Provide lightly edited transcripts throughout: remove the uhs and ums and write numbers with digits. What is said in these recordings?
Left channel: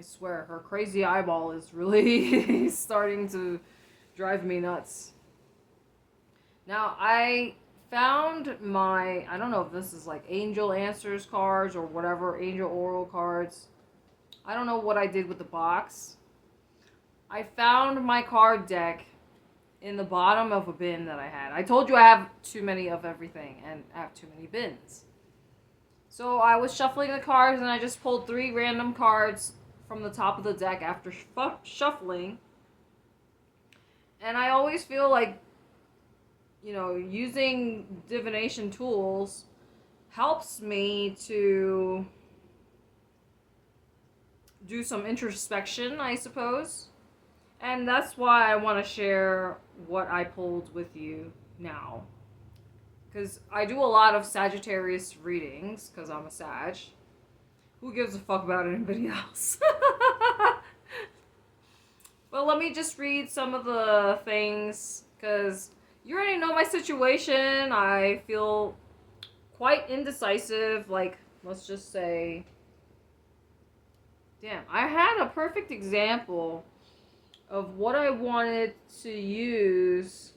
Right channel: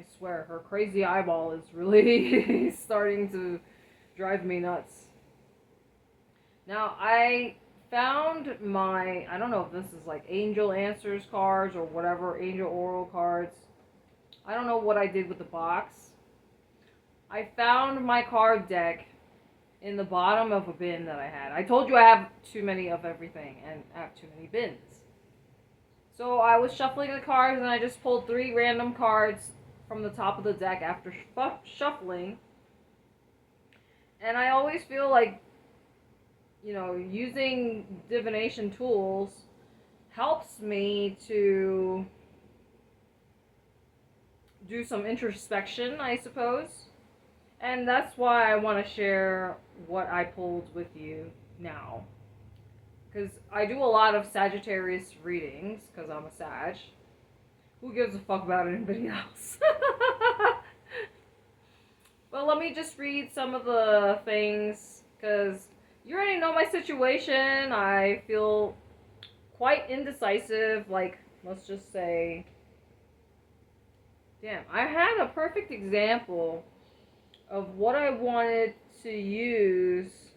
I swear, her crazy eyeball is really starting to drive me nuts. Now, I found my, I don't know if this is like Angel Answers cards or whatever, Angel Oral cards. I don't know what I did with the box. I found my card deck in the bottom of a bin that I had. I told you I have too many of everything and I have too many bins. So I was shuffling the cards and I just pulled 3 random cards from the top of the deck after shuffling. And I always feel like, using divination tools helps me to do some introspection, I suppose. And that's why I want to share what I pulled with you now. Because I do a lot of Sagittarius readings, because I'm a Sag. Who gives a fuck about anybody else? But let me just read some of the things, because you already know my situation. I feel quite indecisive. Like, let's just say... Damn, I had a perfect example of what I wanted to use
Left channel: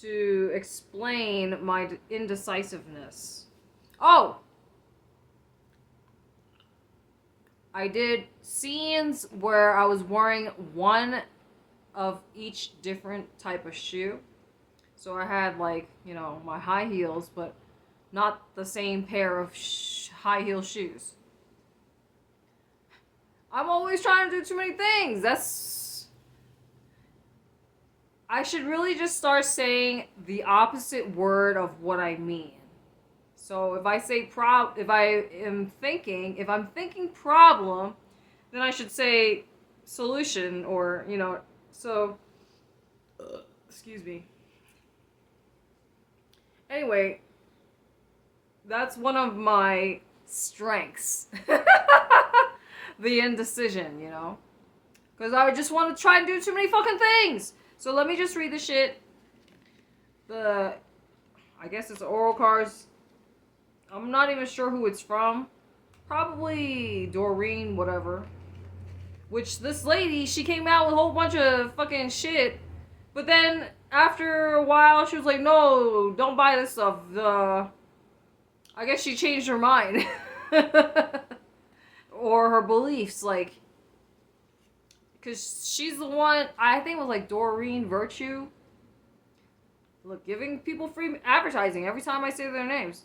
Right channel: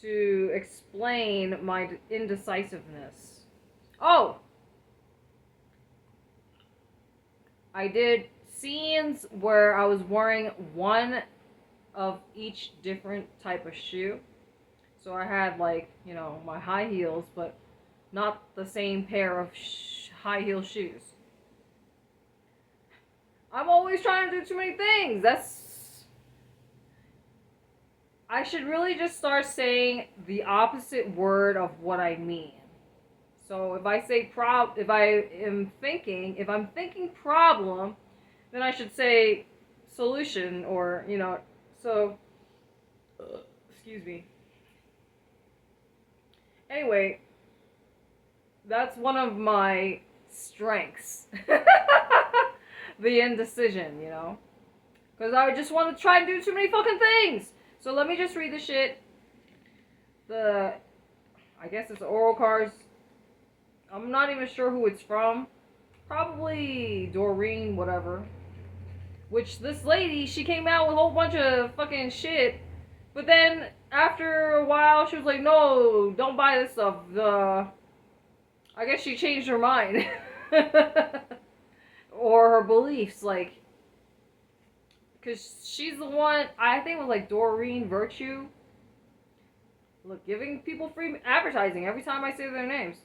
to explain my indecisiveness. Oh! I did scenes where I was wearing one of each different type of shoe. So I had like, my high heels, but not the same pair of high heel shoes. I'm always trying to do too many things. I should really just start saying the opposite word of what I mean. So if I say if I'm thinking problem, then I should say solution or, so, excuse me. Anyway, that's one of my strengths. The indecision, Because I just want to try and do too many fucking things. So let me just read the shit. I guess it's oral cards. I'm not even sure who it's from. Probably Doreen, whatever. Which this lady, she came out with a whole bunch of fucking shit. But then after a while, she was like, no, don't buy this stuff. I guess she changed her mind. Or her beliefs, like, because she's the one, I think it was like Doreen Virtue. Look, giving people free advertising every time I say their names.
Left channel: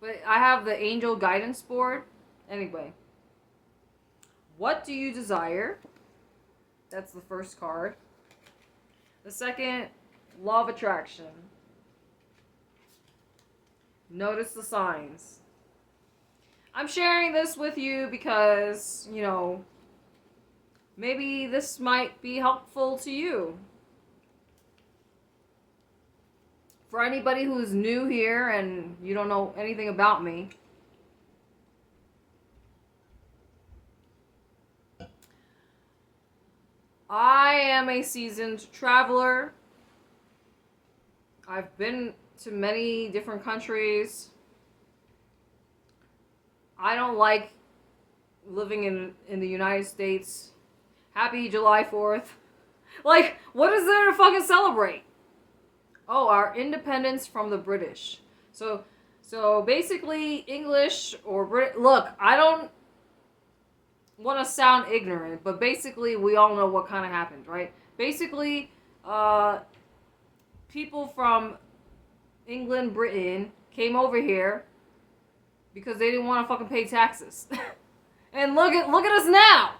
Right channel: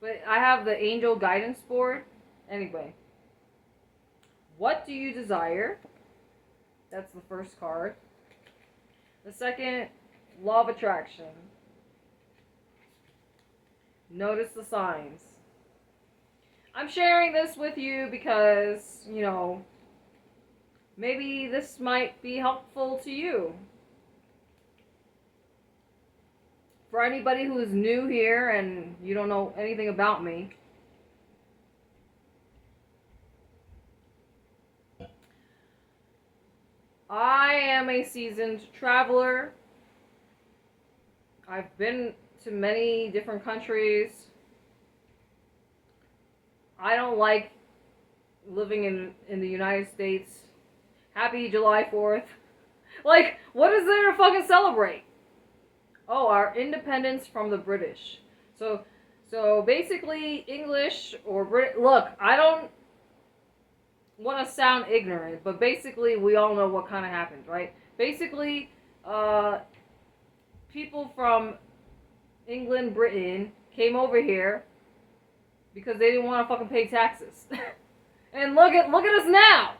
But I have the Angel Guidance Board. Anyway. What do you desire? That's the first card. The second, Law of Attraction. Notice the signs. I'm sharing this with you because, maybe this might be helpful to you. For anybody who's new here and you don't know anything about me, I am a seasoned traveler. I've been to many different countries. I don't like living in the United States. Happy July 4th. Like, what is there to fucking celebrate? Oh, our independence from the British. So basically, English or look, I don't want to sound ignorant, but basically, we all know what kind of happened, right? Basically, people from England, Britain, came over here because they didn't want to fucking pay taxes. And look at us now.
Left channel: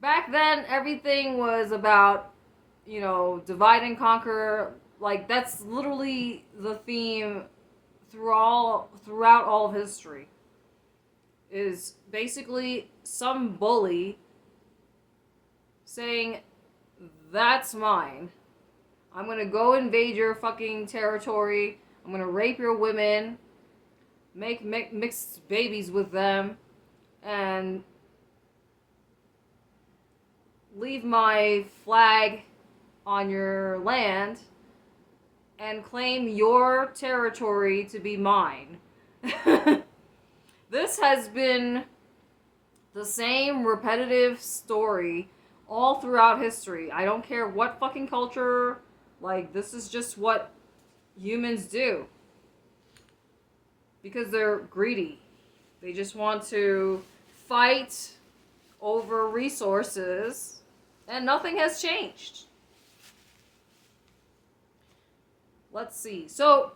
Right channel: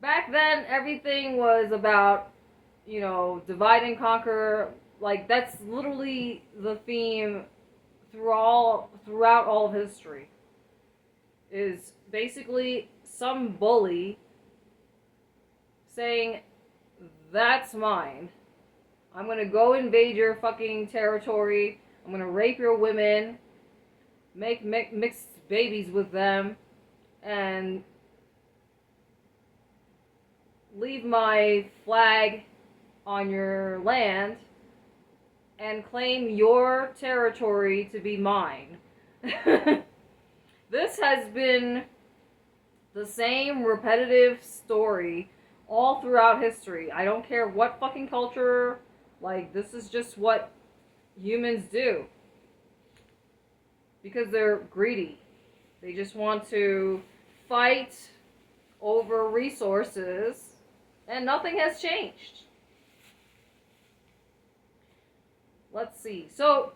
Back then, everything was about, divide and conquer. Like, that's literally the theme throughout all of history. Is basically some bully saying, that's mine. I'm gonna go invade your fucking territory. I'm gonna rape your women, make mixed babies with them, and leave my flag on your land and claim your territory to be mine. This has been the same repetitive story all throughout history. I don't care what fucking culture, like, this is just what humans do. Because they're greedy. They just want to fight over resources, and nothing has changed. Let's see. So,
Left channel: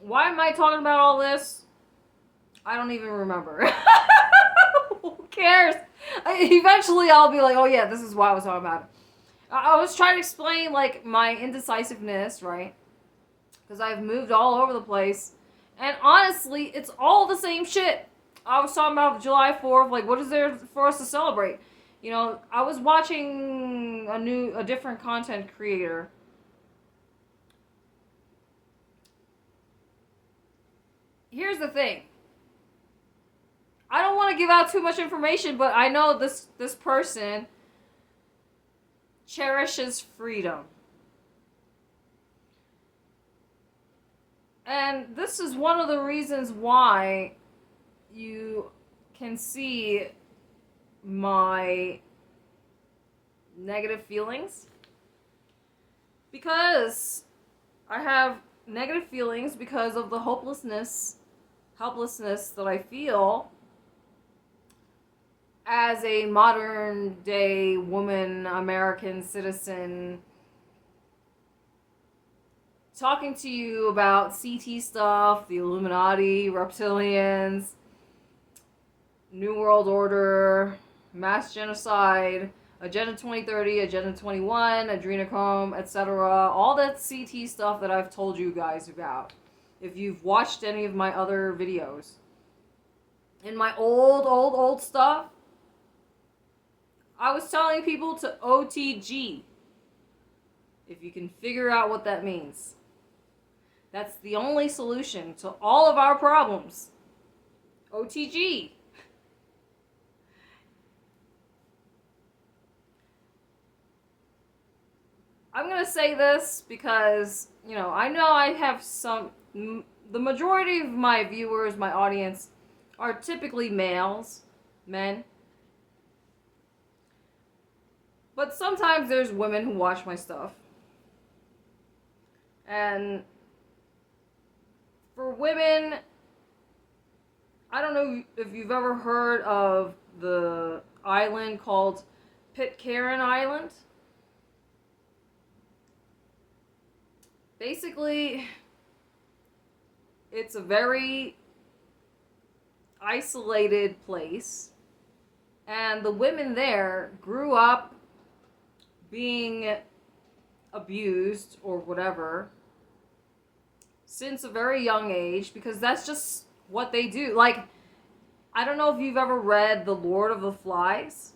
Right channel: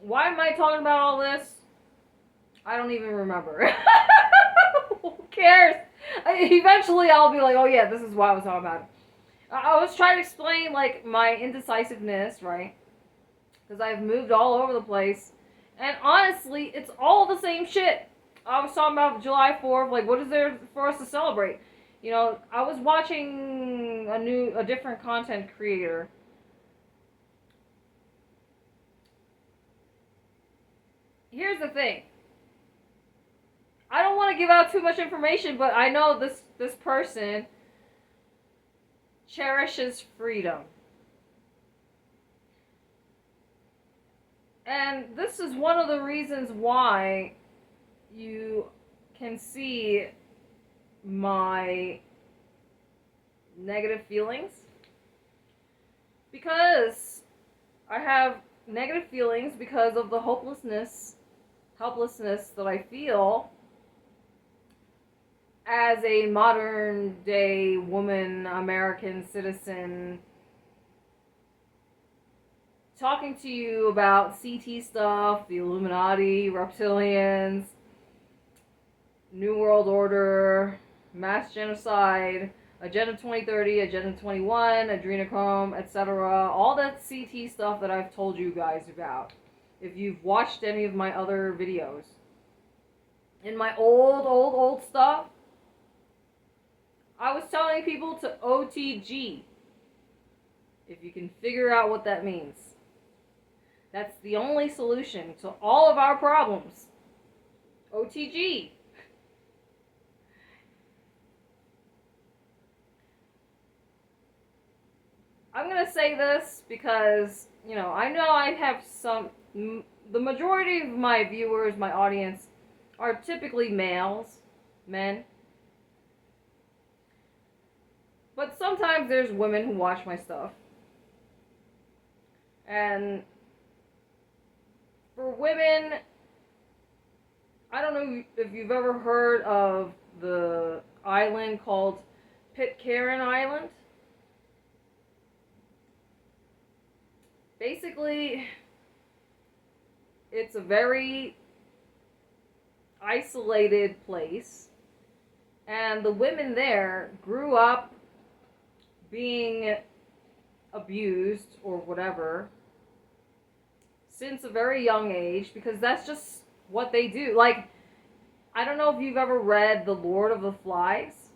why am I talking about all this? I don't even remember. Who cares? Eventually, I'll be like, oh yeah, this is why I was talking about it. I was trying to explain, like, my indecisiveness, right? Because I've moved all over the place. And honestly, it's all the same shit. I was talking about July 4th, like, what is there for us to celebrate? You know, I was watching a different content creator. Here's the thing. I don't want to give out too much information, but I know this person cherishes freedom. And this is one of the reasons why you can see my negative feelings. Because I have negative feelings because of the helplessness that I feel as a modern day woman, American citizen, talking to you about CT stuff, the Illuminati, reptilians, New World Order, mass genocide, Agenda 2030, Agenda 21, adrenochrome, etc. All that CT stuff that I've told you guys about. If you've watched any of my other videos. In my old stuff, I was telling people to OTG. If you can figure out what that means. That's the only solution to all of our problems. OTG. I'm going to say this because, you know I have the majority of my viewers, my audience, are typically males, men. But sometimes there's women who watch my stuff. And for women, I don't know if you've ever heard of the island called Pitcairn Island. Basically, it's a very isolated place, and the women there grew up being abused or whatever since a very young age, because that's just what they do. Like, I don't know if you've ever read The Lord of the Flies.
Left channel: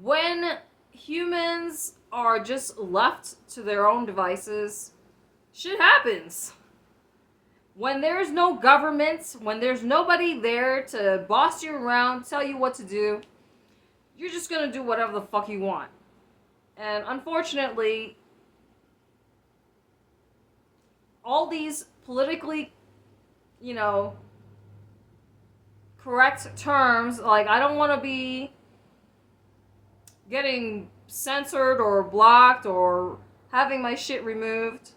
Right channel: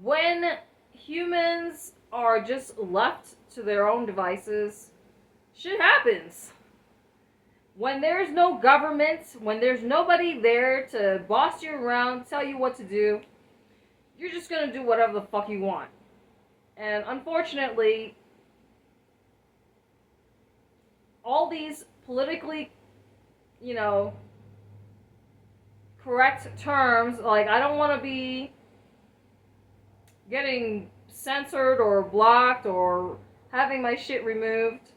When humans are just left to their own devices, shit happens. When there's no government, when there's nobody there to boss you around, tell you what to do, you're just gonna do whatever the fuck you want. And unfortunately, all these politically, correct terms, like, I don't want to be getting censored or blocked or having my shit removed.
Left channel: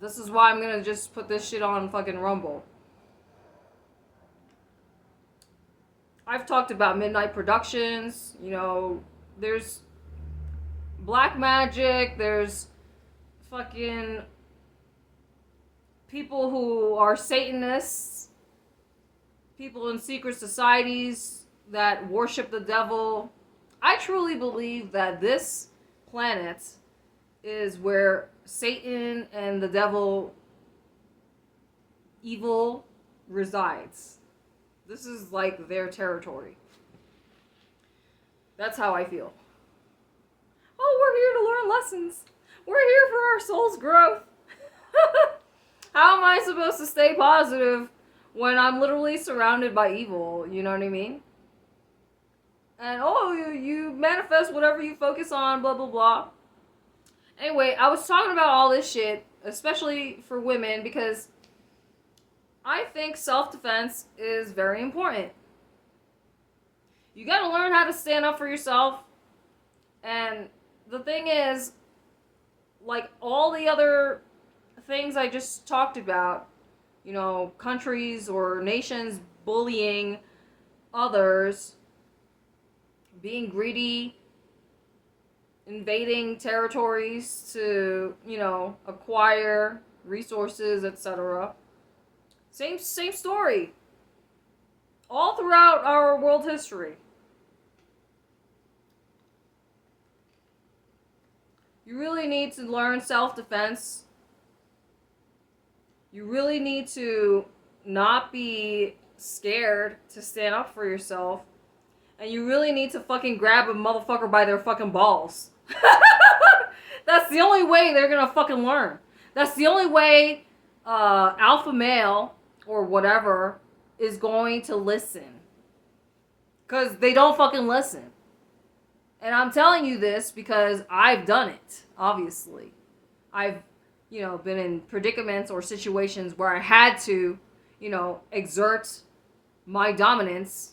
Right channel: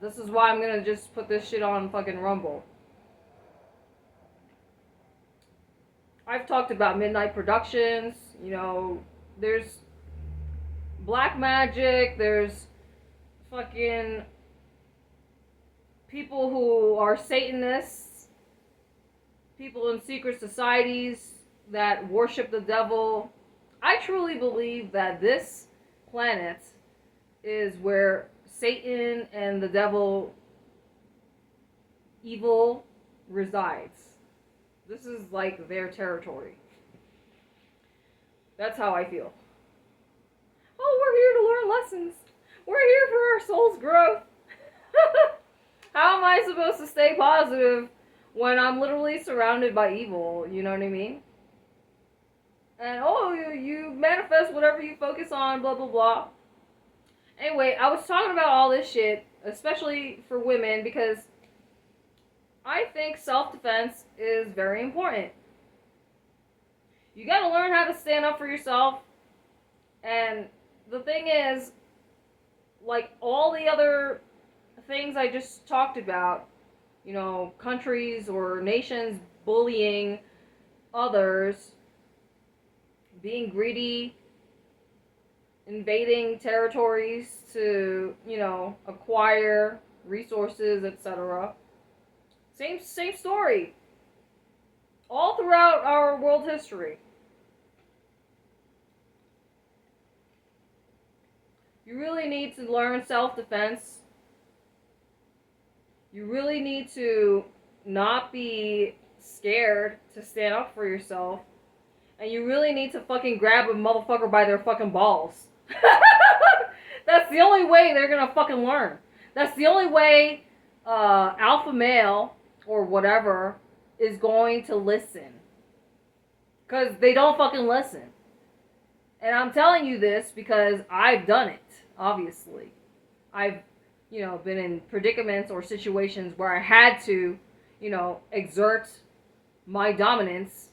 This is why I'm gonna just put this shit on fucking Rumble. I've talked about Midnight Productions, there's black magic, there's fucking people who are Satanists, people in secret societies that worship the devil. I truly believe that this planet is where Satan and the devil, evil, resides. This is like their territory. That's how I feel. Oh, we're here to learn lessons. We're here for our soul's growth. How am I supposed to stay positive when I'm literally surrounded by evil? You know what I mean? And, you manifest whatever you focus on, blah, blah, blah. Anyway, I was talking about all this shit, especially for women, because I think self-defense is very important. You gotta learn how to stand up for yourself. And the thing is, like all the other things I just talked about, countries or nations bullying others, being greedy, invading territories to, acquire resources, etc. Same story. All throughout our world history. You really need to learn self-defense. You really need to not be scared to stand up for yourself. And you really need to fucking grab a motherfucker by their fucking balls. That's the only way they're gonna fucking learn. That's the only way alpha male or whatever is going to listen. Because they don't fucking listen. And I'm telling you this because I've done it, obviously. I've, been in predicaments or situations where I had to, exert my dominance.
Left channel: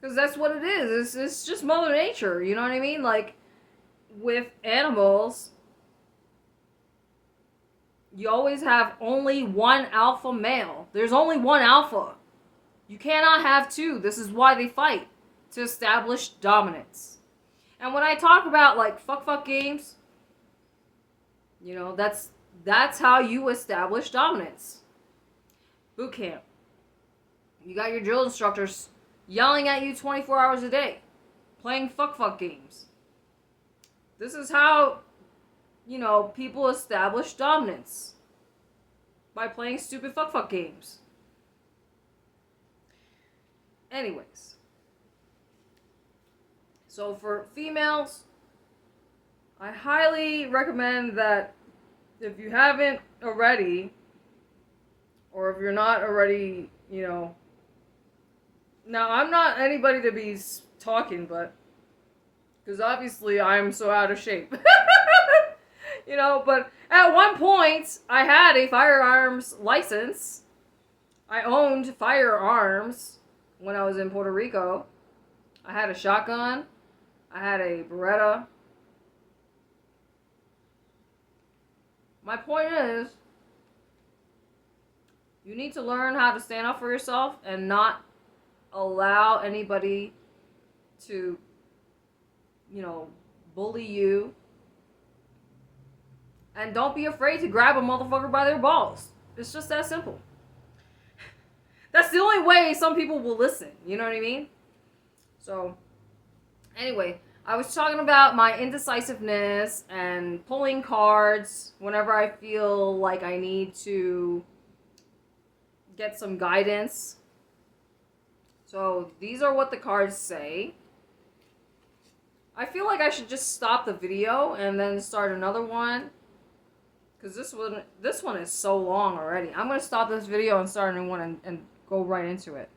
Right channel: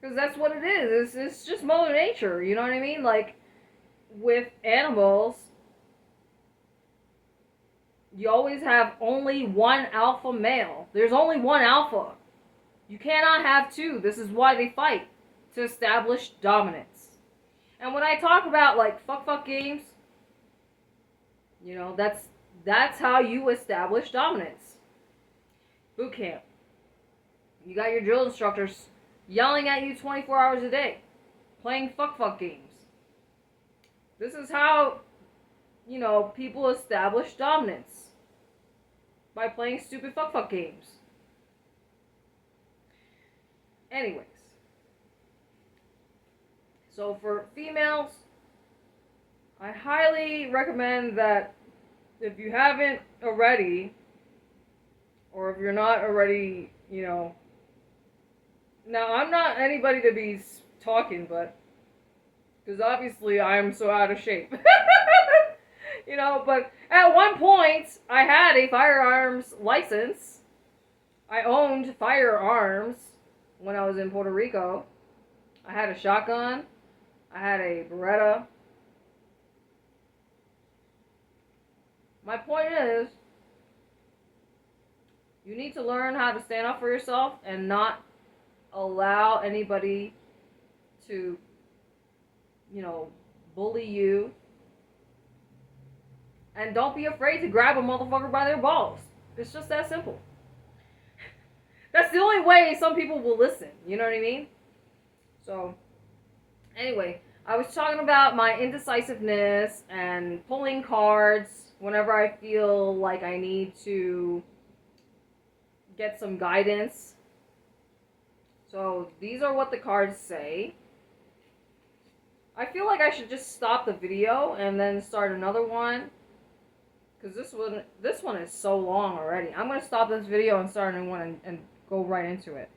Because that's what it is. It's just Mother Nature, you know what I mean? Like, with animals, you always have only one alpha male. There's only one alpha. You cannot have two. This is why they fight. To establish dominance. And when I talk about, like, fuck games, that's how you establish dominance. Boot camp. You got your drill instructors yelling at you 24 hours a day, playing fuck games. This is how, people establish dominance. By playing stupid fuck games. Anyways. So for females, I highly recommend that if you haven't already, or if you're not already, now I'm not anybody to be talking, but, because obviously I'm so out of shape. But at one point, I had a firearms license. I owned firearms when I was in Puerto Rico. I had a shotgun. I had a Beretta. My point is, you need to learn how to stand up for yourself and not allow anybody to, bully you. And don't be afraid to grab a motherfucker by their balls. It's just that simple. That's the only way some people will listen. You know what I mean? So, anyway, I was talking about my indecisiveness and pulling cards whenever I feel like I need to get some guidance. So, these are what the cards say. I feel like I should just stop the video and then start another one. Because this one is so long already. I'm going to stop this video and start a new one and go right into it.